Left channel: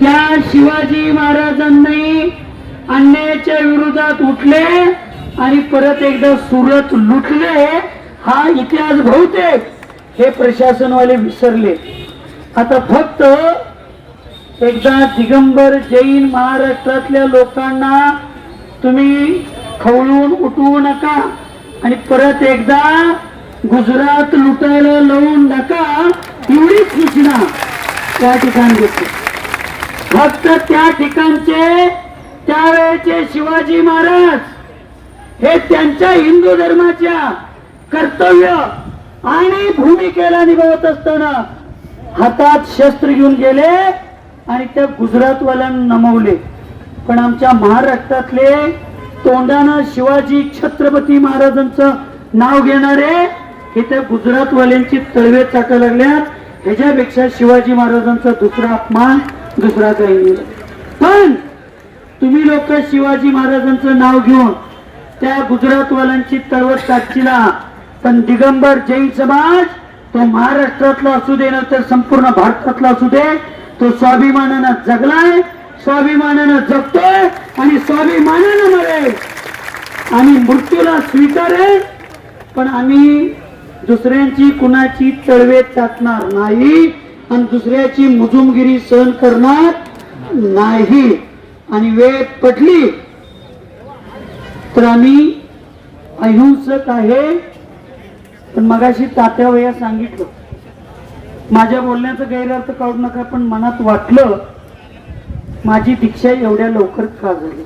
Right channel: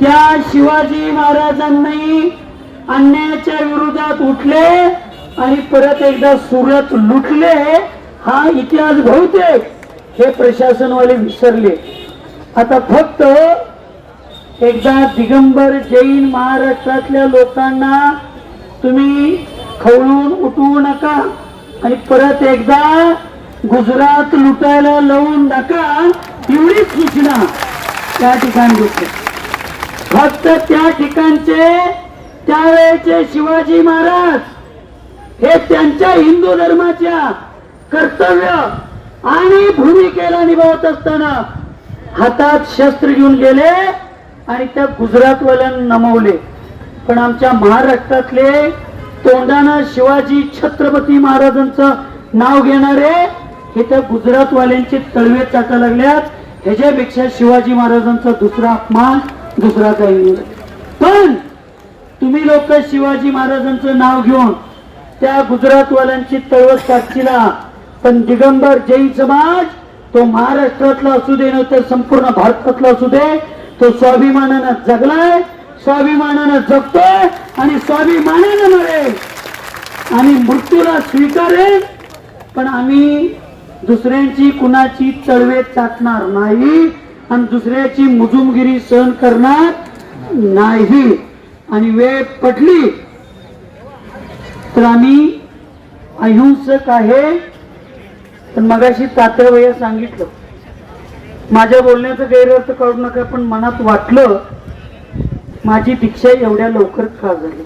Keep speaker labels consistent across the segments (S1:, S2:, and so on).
S1: त्या शिवाजी महाराजांनी अन्यायाच्या विरोधात उठले आणि परत एकदा सुरत लुटले. हा इतिहास बहुतेक हे प्रशासनवाले विसरले. आता फक्त एकदा दिगंबर जैन महाराष्ट्रातल्या लोकांना तुम्ही खवळून उठवू नका आणि परत एकदा गुजरात लुटायला लावून नका एवढीच सूचना त्या ठिकाणी घेतली फक्त त्या ठिकाणचे त्यावेळेचे शिवाजी महाराज हे त्यांच्या हिंदू धर्माच्या कर्तव्य आणि भूमिकेला निभावत असताना हातात शस्त्र घेऊन गेले आणि त्या गुजरातवाल्यांना नमवले. पण आमच्या महाराष्ट्रातले तोंडानं शिवाजी छत्रपती महाराजांचं नाव घेणारे हे त्या गुजरातवाल्यांची तळवे चाका लागल्यात. ह्याच्यापेक्षा शिवाजी महाराजांचा दुसरा अपमान दुसरा काही नाही. पण तुम्ही लोक शिवाजी महाराजांचं नाव घेऊन त्या गुजरातवाल्यांची तळवत टाकशीला पण दिगंबर जैन समाज तो महाराष्ट्रातला असू दे तर संपूर्ण भारतातला असू दे तो स्वाभिमानानं जगलाय स्वाभिमानानं जगतोय आणि स्वाभिमानानं नव्हे आम्ही मृत्यूला स्वीकारेल पण आम्ही दुसऱ्यांची कुणाची तळवे चाटणार नाही. आणि दुसऱ्याची मुजुमगिरी सहन करणार नाही. आणि वेळ पटली तर आम्ही अहिंसक आहे. तर मगाशी तात्यावया सांगितलं. माझ्या बोलण्याचा गैरअर्थ काढू नका पण मनात वाटलं माझी दीक्षा एवढ्या लवकर का झाली?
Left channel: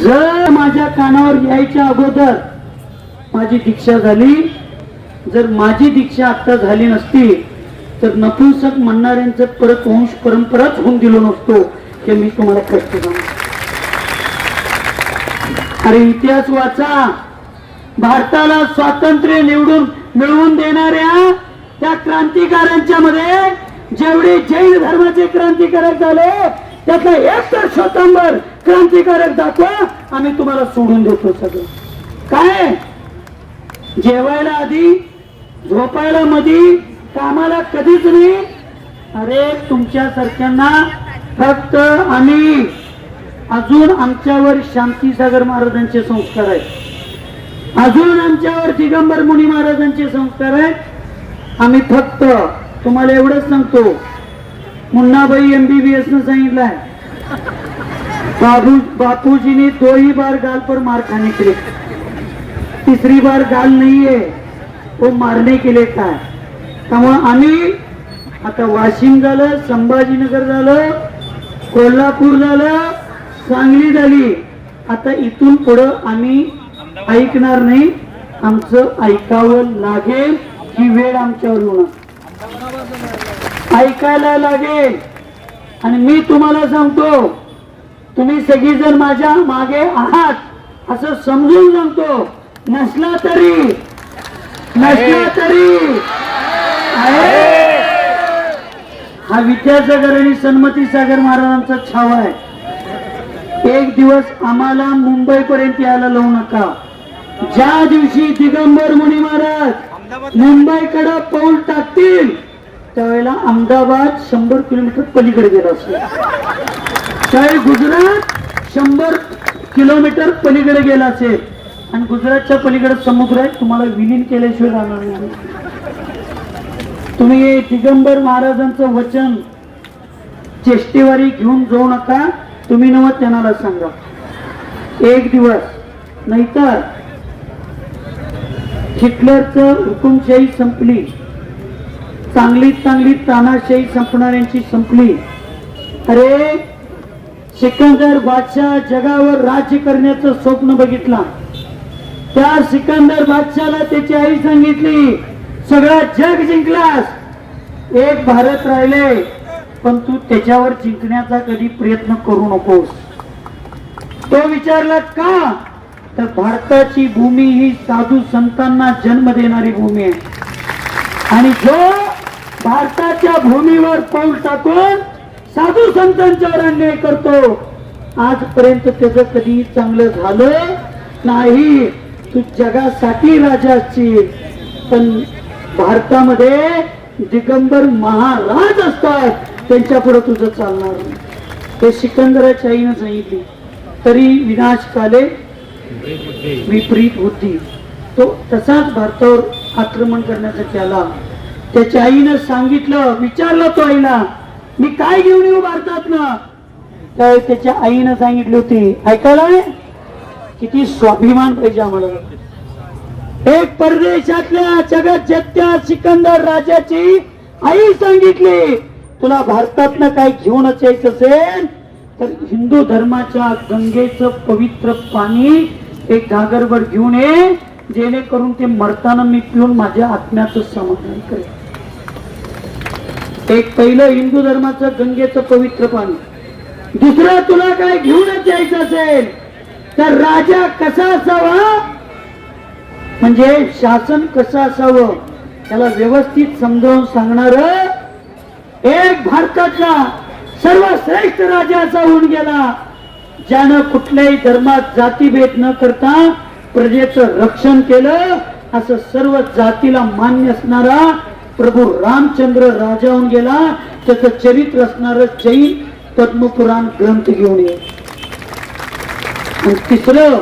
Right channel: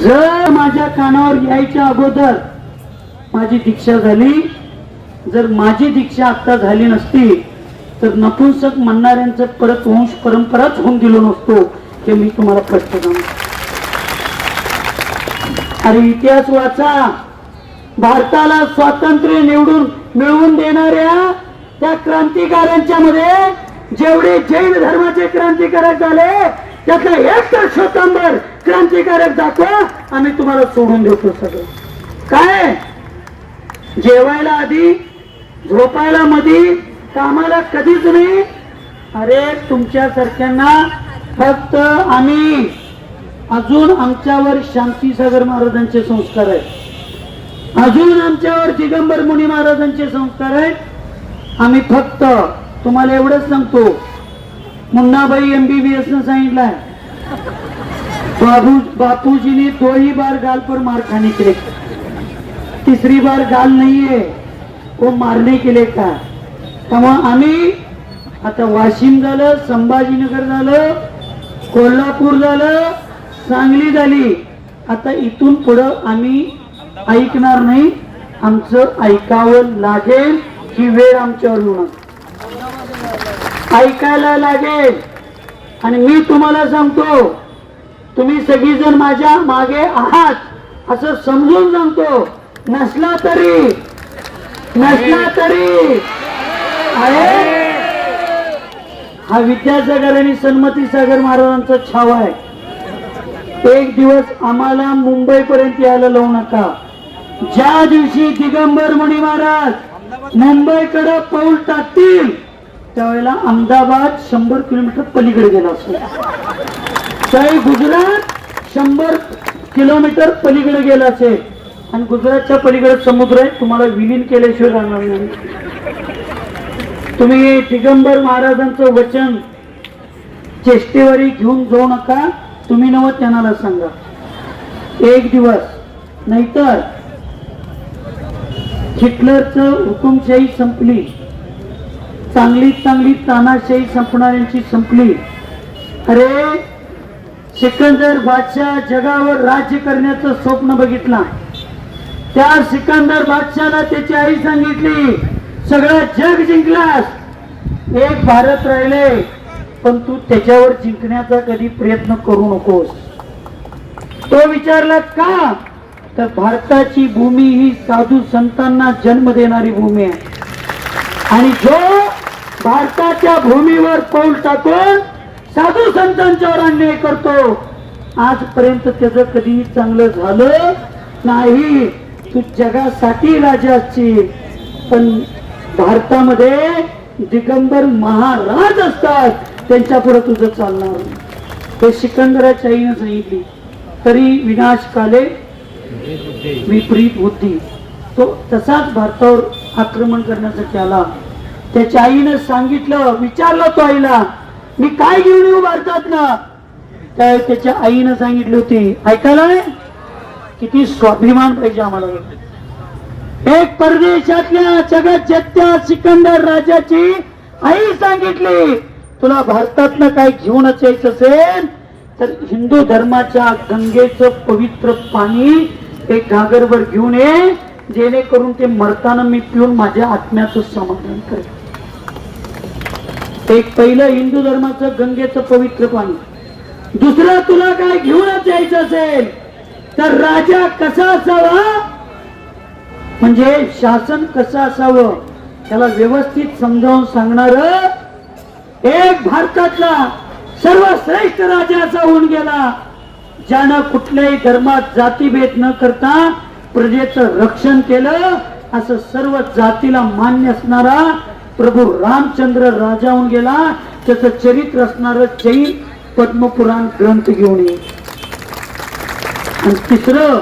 S1: जर माझ्या कानावर यायच्या अगोदर माझी दीक्षा झाली जर माझी दीक्षा आता झाली नसती तर नपुंसक म्हणणाऱ्यांचं परत वंश परंपराच होऊन दिलो नसतो हे मी तुम्हाला प्रश्न सांगतो. अरे इतिहास वाचा. भारताला स्वातंत्र्य निवडून मिळवून देणाऱ्या त्या क्रांतिकारांच्या मध्ये जेवढे जैन धर्माचे क्रांतिकारक झाले त्यातला एक तर स्वतंत्र क्रांतिकारक दाखवा आम्ही तुम्हाला सोडून देतो सगळं. काय? जेवायला आधी झोपायला मधी कामाला कधीच नाही. अरे तुमच्या सारख्यांना फक्त आम्ही. अजून आमच्यावर शांतीसागर महाराजांचे संस्कार आहेत. अजून आमच्यावर दिगंबर मुनी महाराजांचे संस्कार आहेत. आम्ही फक्त तुम्हाला एवढंच सांगतो मुन्नाबाई एमबीबीएस न सांगितलंय बाबू बापूजीने दोही बार गाल पर मार खाने के तिसरी बार गाल नाहीये. वो मारणे केले काय? त्यामुळं आम्ही आता वाशिम झालं संभाजीनगर झालं कोल्हापूर झालं सांगली झाली. आता इथून पुढं आम्ही ऐकणार नाही. आमचं ऐकावं लागेल ही वेळ आमच्यावर ऐकायला लागेल. आणि मी तुम्हाला सांगतो तुम्ही सगळीजण माझ्या मागे आहात असं समजून सांगतो. नसला तरी नसला तरी हा विद्यासागर आणि सन्मती सागर महाराजांचा छावा आहे. एक दिवस आम्हाला मुंबई पर्यंत यायला लावू नका. ज्या दिवशी दिगंबर मुनी महाराज मुंबईकडे पाऊल टाकतील त्यावेळेला अहमदाबाद शंभर किलोमीटर पलीकडे गेला असेल त्यावेळी गुजरात शंभर किलोमीटर पलीकडे गेला असेल. आणि गुजरातच्या पलीकडे समुद्र आहे तुम्हाला विलीन केल्याशिवाय राहणार नाही. तुम्ही दिगंबर महाराजांचं वचन चेष्टेवारी घेऊन जाऊ नका तुम्ही नव त्यांना सांगा. एक दिवस नाहीतर हिटलरचं हुकुमशाही संपली. चांगली चांगली तानाशाही संपणाऱ्यांची संपली. अरे सिकंदर बादशाह जगावर राज्य करण्याचं स्वप्न बघितला. त्या सिकंदर बादशाला त्याची आई सांगितली सगळं जग जिंकलास. एक भारत राहिले पण तू त्याच्यावर जिंकण्याचा कधी प्रयत्न करू नकोस. तो विचारला का? तर भारताची भूमी ही साधू संतांना जन्म देणारी भूमी आहे. आणि जो भारताच्या भूमीवर पाऊल टाकून साधू संतांच्यावर अन्याय करतो आजपर्यंत त्याचं कधी चांगलं झालं नाही. तू जगासाठी राजा असशील. पण भारतामध्ये दिगंबर महाराज असतात. त्यांच्या पुढे तुझं चालणार ते सिकंदराच्या आईनं सांगितली. तरी विनाश काले विपरीत बुद्धी तो तसाच भारतावर आक्रमण करण्यासाठी आला त्याच्या आईनं सांगितलं विचारलं तो आईला मी काय घेऊन येऊ भारतात ना तर त्याच्या आईनं सांगितली होती ऐकायला किती स्वाभिमान पाहिजे आम्हाला. एक परदेशातल्या जगात जगत्या सिकंदर राजाची आई सांगितली तुला भारतातनं काय घेऊनच यायचं असेल तर हिंदू धर्माच्या गंगेचं पवित्र पाणी एक घागरभर घेऊन ये जेणेकरून ते मरताना मी पिऊन माझ्या आत्म्याचं समाधान करेल एक पहिलं हिंदू धर्माचं गंगेचं पवित्र पाणी. दुसरं तुला काय घेऊनच यायचं असेल तर राजा कसा असावा? म्हणजे शासन कसं असावं? त्याला व्यवस्थित समजावून सांगणार एक भारतातला सर्वश्रेष्ठ राजा असा होऊन गेला ज्यानं कुठल्याही धर्मात जातीभेद न करता प्रजेचं रक्षण केलं. असं सर्व जातीला मान्य असणारा प्रभू रामचंद्र राजा होऊन गेला. त्याचं चरित्र असणार जैन पद्मपुराण ग्रंथ घेऊन येईल आणि तिसरं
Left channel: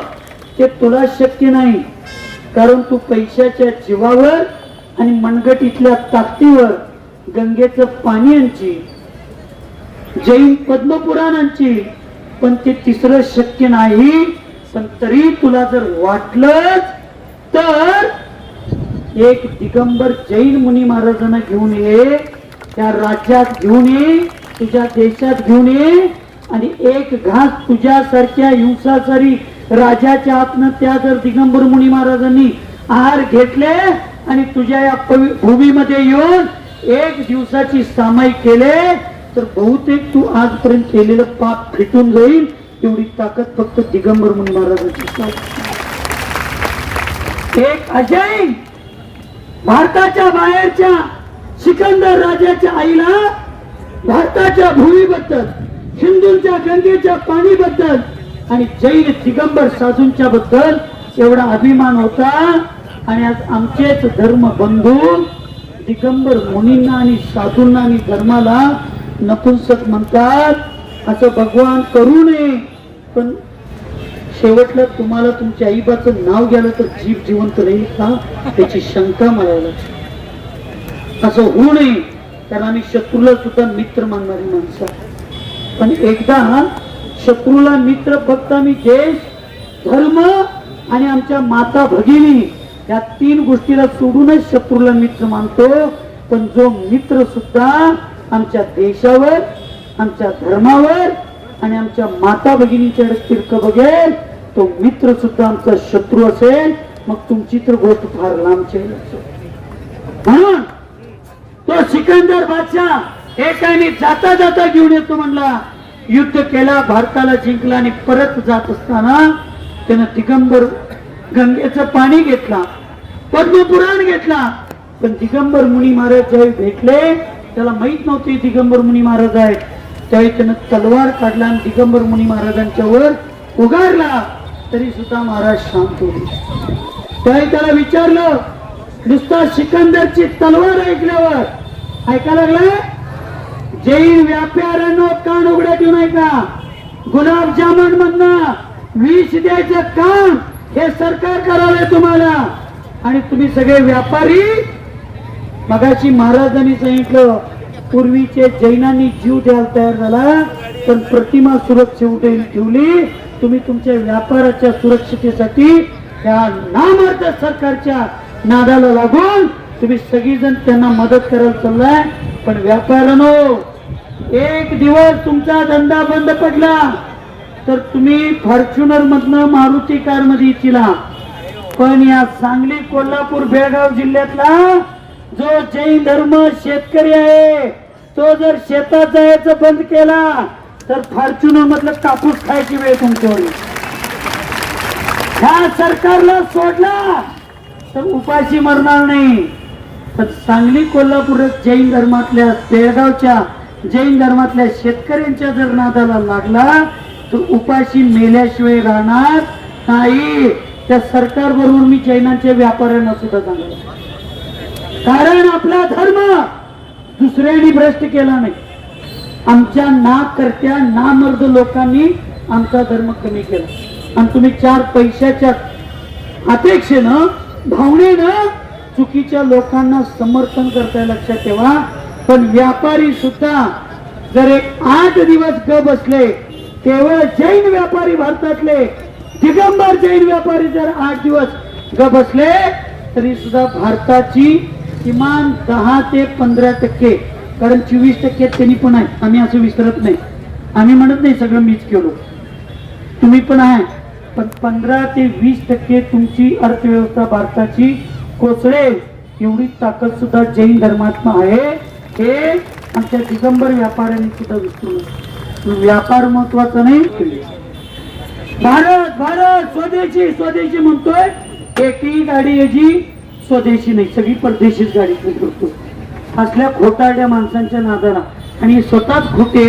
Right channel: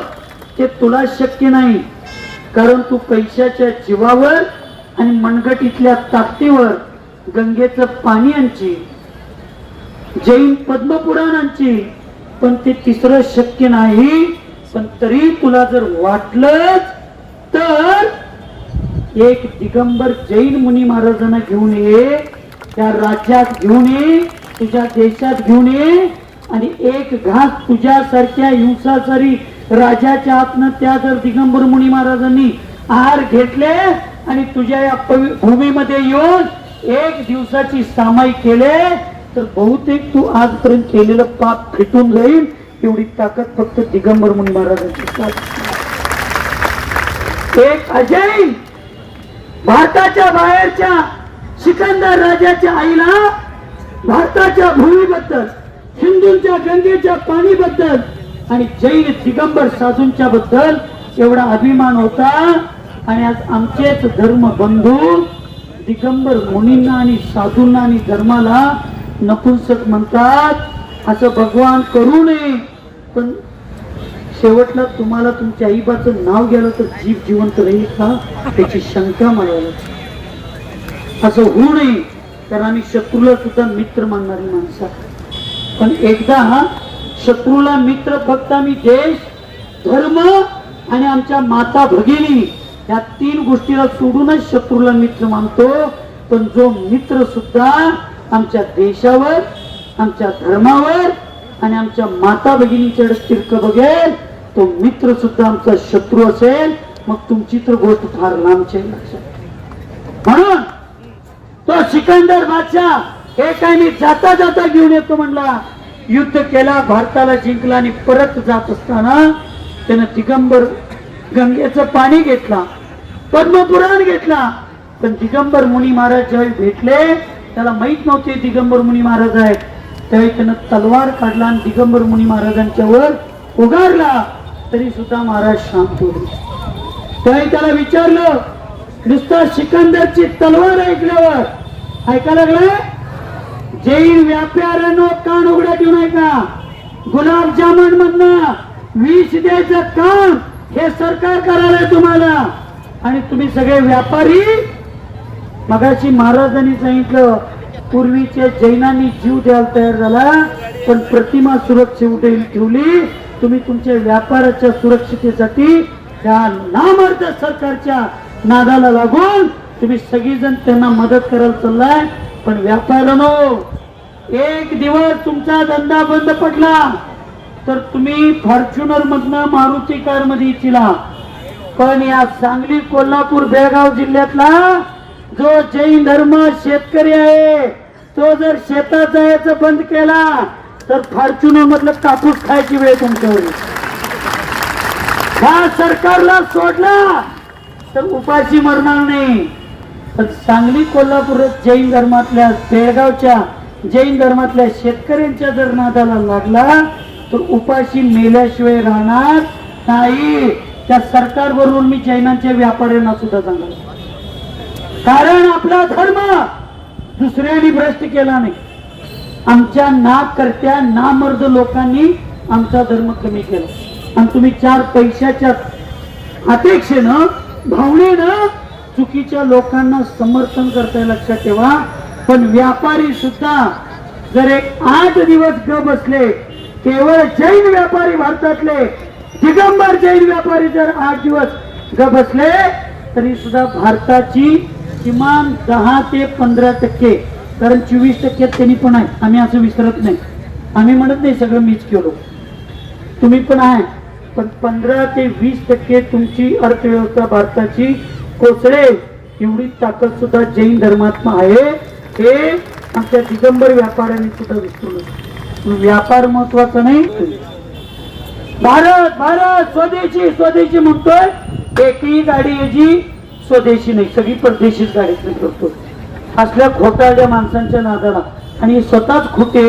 S1: ते तुला शक्य नाही कारण तू पैशाच्या जीवावर आणि मनगटीतल्या ताकदीवर गंगेचं पाणी आणची जैन पद्मपुराणांची पण ते तिसरं शक्य नाही पण तरी तुला जर वाटलं तर एक दिगंबर जैन मुनी महाराजांना घेऊन ये त्या राज्यात घेऊन ये तुझ्या देशात घेऊन ये आणि एक घास तुझ्यासारख्या हिंसाचारी राजाच्या आतन त्या जर दिगंबर मुनी महाराजांनी आहार घेतले आणि तुझ्या या भूमीमध्ये येऊन एक दिवसाची सामाई केले तर बहुतेक तू आजपर्यंत केलेलं पाप फिटून जाईल. एवढी ताकद फक्त दिगंबर मुनी महाराजांची. एक अजय भारताच्या बाहेरच्या सिकंदर राजाच्या आईला भारताच्या भूमीबद्दल हिंदूंच्या गंगेच्या पाणीबद्दल आणि जैन दिगंबर साधूंच्या बद्दल एवढा अभिमान होता. आणि आज आमचेच धर्म बंधू दिगंबर मुनींना आणि साधूंना आणि धर्माला नपुंसक म्हणतात. असं भगवान करू नये. पण शेवटला तुम्हाला तुमच्या आईबाचं नाव गेलं तर जीव जिवंत राहील का? त्याची शंका मला लागते असं होऊ नये. कारण आम्ही शत्रूला सुद्धा मित्र मानणारी माणसं पण एकदा शत्रूला मित्र फक्त आम्ही देश धर्म आणि आमच्या माता भगिनी या तीन गोष्टीला सोडूनच शत्रूला मित्र मानतो. पण जो मित्र सुद्धा आमच्या देशावर आमच्या धर्मावर आणि आमच्या माता भगिनींच्याकडे तिरक बघेल तो मित्र सुद्धा आमचा शत्रू असेल. मग तुमची तर गोष्ट फार लांबची लक्षात. म्हणून तो सिकंदर बादशाह हे काय मी जाता जाता घेऊन येतो म्हणला. युद्ध केला भारताला जिंकला आणि परत जात असताना त्यानं दिगंबर गंगेचं पाणी घेतला पद्मपुराण घेतला. पण दिगंबर मुनी महाराज ज्यावेळी भेटले त्याला माहीत नव्हते दिगंबर मुनी महाराज आहेत. त्यावेळी त्यानं तलवार काढला आणि दिगंबर मुनी महाराजांच्या वर उगारला. तरी सुद्धा महाराज शांत होते. त्यावेळी त्याला विचारलं नुसता सिकंदरची तलवार ऐकल्यावर ऐका लागलाय जैन व्यापाऱ्यांनो कान उघड्या ठेवू नये का गुलाबजामुन म्हणणं वीस द्यायचं काम हे सरकार करायला तुम्हाला. आणि तुम्ही सगळे व्यापारी मगाशी महाराजांनी सांगितलं पूर्वीचे जैनांनी जीव द्यायला तयार झाला पण प्रतिमा सुरक्षित ठेवली. तुम्ही तुमच्या व्यापाराच्या सुरक्षितेसाठी त्या नामर्थ सरकारच्या नादाला लागून तुम्ही सगळीजण त्यांना मदत करायला चाललाय. पण व्यापाऱ्यानो एक दिवस तुमचा धंदा बंद पडला तर तुम्ही फॉर्च्युनर मधनं मारुती कारमध्ये इच्छिला पण या सांगली कोल्हापूर बेळगाव जिल्ह्यातला जो जैन धर्म शेतकरी आहे तो जर शेतात जायचं बंद केला तर फॉर्च्युनर मधलं कापूस खायची वेळ तुमच्यावर ह्या सरकारला सोडला तर उपाशी मरणार नाही. तर सांगली कोल्हापूर जैन धर्मातल्या बेळगावच्या जैन धर्मातल्या शेतकऱ्यांच्या जर नादाला लागला तर उपाशी मेल्याशिवाय राहणार नाही. त्या सरकार बरोबर मी जैनांच्या व्यापाऱ्यांना सुद्धा सांगणार कारण आपला धर्म दुसऱ्याने भ्रष्ट केला नाही. आमच्या ना करत्या ना मर्द लोकांनी आमचा धर्म कमी केला. आणि तुम्ही चार पैशाच्या अपेक्षेनं भावनेनं चुकीच्या लोकांना समर्थन करताय लक्षात ठेवा. पण व्यापारी सुद्धा जर एक आठ दिवस ग बसले केवळ जैन व्यापारी भारतातले दिगंबर जैन व्यापारी जर आठ दिवस ग बसले तरी सुद्धा भारताची किमान दहा ते पंधरा टक्के कारण चोवीस टक्के त्यांनी पण आहे. आम्ही असं विसरत नाही. आम्ही म्हणत नाही सगळं मीच केलो. तुम्ही पण आहे. पण पंधरा ते वीस टक्के तुमची अर्थव्यवस्था भारताची कोसळेल. एवढी ताकद सुद्धा जैन धर्मात्मा आहे. हे आमच्या दिगंबर व्यापाऱ्यांनी सुद्धा विसरू व्यापार महत्त्वाचा नाही. भारत भारत! स्वदेशी स्वदेशी म्हणतोय. एकही गाडी याची स्वदेशी नाही. सगळी परदेशीच गाडी करतो असल्या खोटारड्या माणसांच्या नादाला. आणि स्वतःच खोटे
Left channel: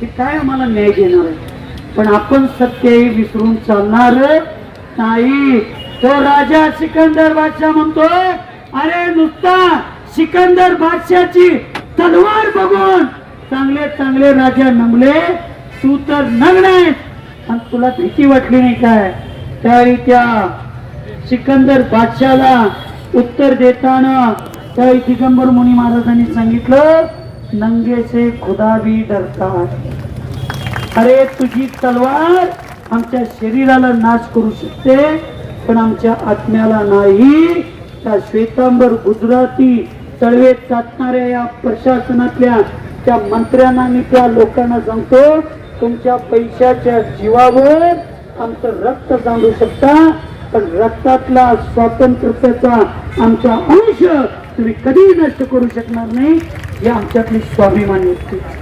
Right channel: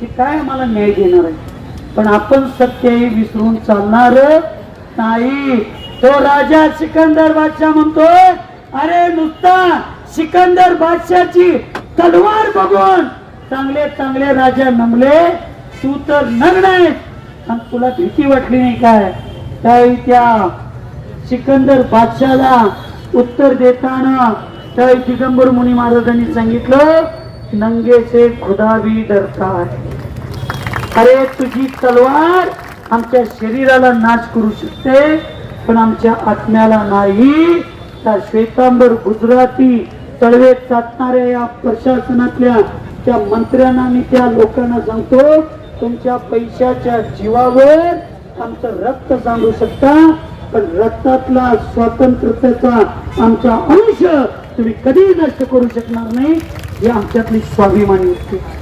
S1: की काय आम्हाला न्याय देणार आहे? पण आपण सत्य विसरून चालणार नाही. तो राजा सिकंदर बादशाह म्हणतोय अरे नुसता सिकंदर बादशाची तलवार बघून चांगले चांगले राजा नमले तू तर नग्न आहेस. आणि तुला भीती वाटली नाही काय? त्यावेळी त्या सिकंदर बादशाला उत्तर देताना त्या दिगंबर मुनी महाराजांनी सांगितलं नंगे से खुदा भी डरता अरे तुझी तलवार आमच्या शरीराला नाश करू शकते पण आमच्या आत्म्याला नाही. त्या श्वेतांबर गुजराती तळवे चाटणाऱ्या या प्रशासनातल्या त्या मंत्र्यांना आणि त्या लोकांना सांगतो तुमच्या पैशाच्या जीवावर आमचं रक्त सांगू शकता पण रक्तातला स्वातंत्र्याचा आमचा अंश तुम्ही कधी नष्ट करू शकणार नाही हे आमच्यातली स्वाभिमानी असते